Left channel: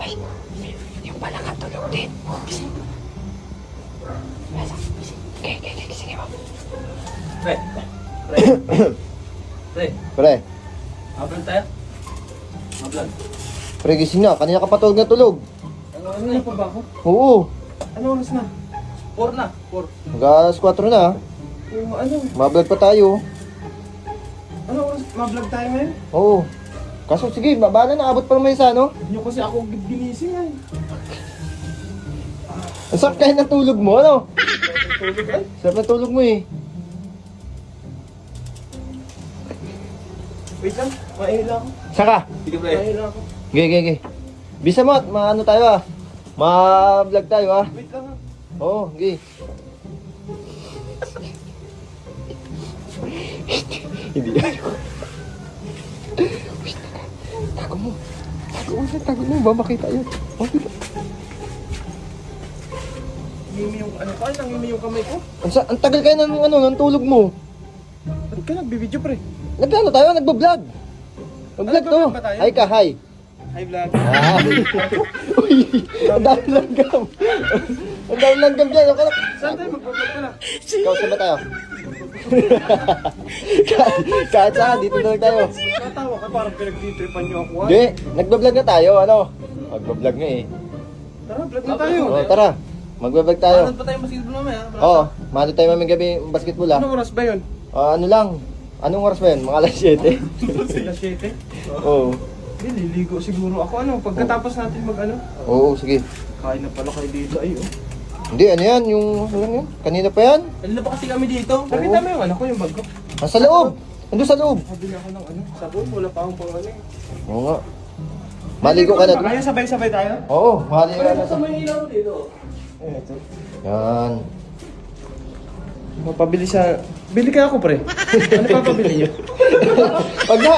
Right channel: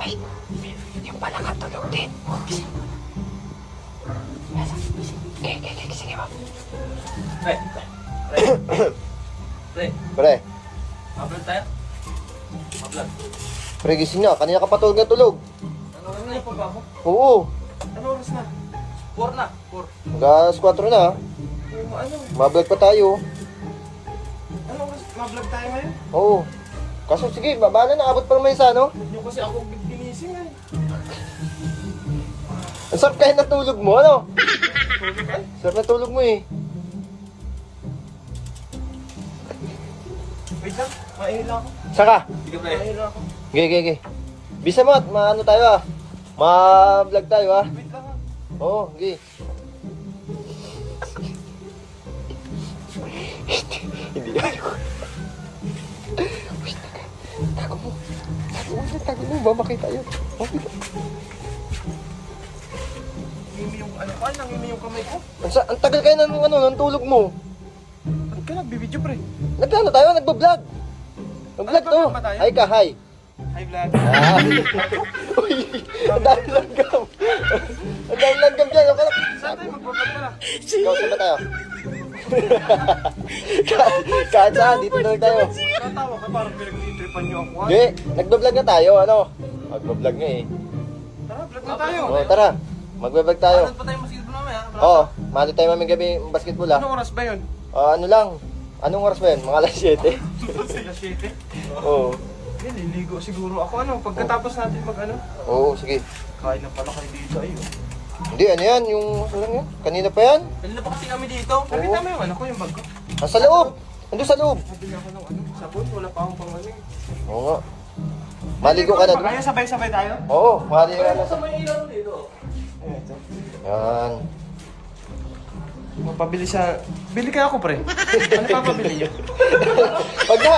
Ay, yung pala katulog din. Gising. Okay, sige ba? Pre. Pre, Hablan tayo. Hablan. pre gising na. Kanina ka patulog na tulog. Ano na pa ba ako? Oo. Ano oras na? 4 na. 4. Gas 4 na. Oo, ano? Mablog pa tayo. Ano oras? Ma-vlog tayo ngayon? Oo. Kaso sige, baba na. Nakabot pa naman isa, no? Hindi kasi ako ginising eh. Masarap kayo na tulog mo, ano? Tulog ay. Sarap na tulog mo eh. Wait lang. Maihila ako. Saka? Sige pre. Maihila ako. Gege. Bisa mo at maano tayo ah. Ma-vlog tayo ah. Wait lang. Oo, gege. Hindi yan. Tago mo. Tago mo, babakay tayo. Ngimi yung ano ko. Ay, nangimi yung kamay ko. Ang tagal kayo ng tulog mo. Ba't ka nagbibideo pre? Nagkano tayo? Nagbablog. Nagbablog ba tayo? Ay ka, hi. Hi vlog. Uy, ang dami langgam. Ang dami langgam dyan. Okay na. Saan tayo magbablog ka na? Saan ba tayo? Kahit saan, dito na lang tayo. Natawa ka parang pinagtitripan niyo ako. Hindi, nagbablog na tayo. Ano? Magbablog nga eh. Tara, vlog na tayo. Tara, magbablog tayo. Paano pa tayo masigil mamaya? Oo, mano tayo maming gabi basketball ah. Anong oras ba yun? Ano lang? Anong oras ba yun? Mga alas 7. Alas 7? Oo. Hindi, liligo siguro ako. Ano, pagkatapos natin mag ano? Oo, sige. Kain na pala kayo dito ay oh. Hindi, ano yan? Yung, ano yan? Kanina pa yan? Kanina pa kasi kami dito. Nakita mo yung ano ko, yung bag ko? Nasa loob. Nandun sa loob. Sabi niya ako ng ano, sabon, wala pa akong pang ano eh. Oo nga. Maligo ka na. Kaya sabay-sabay tayo? Oo, maligo ka na. mo yung ilaw dito? Eh, ito. Yan. Mapabili sa... Bili kaya ako pre. Ano pa pabili niyo? Pag na,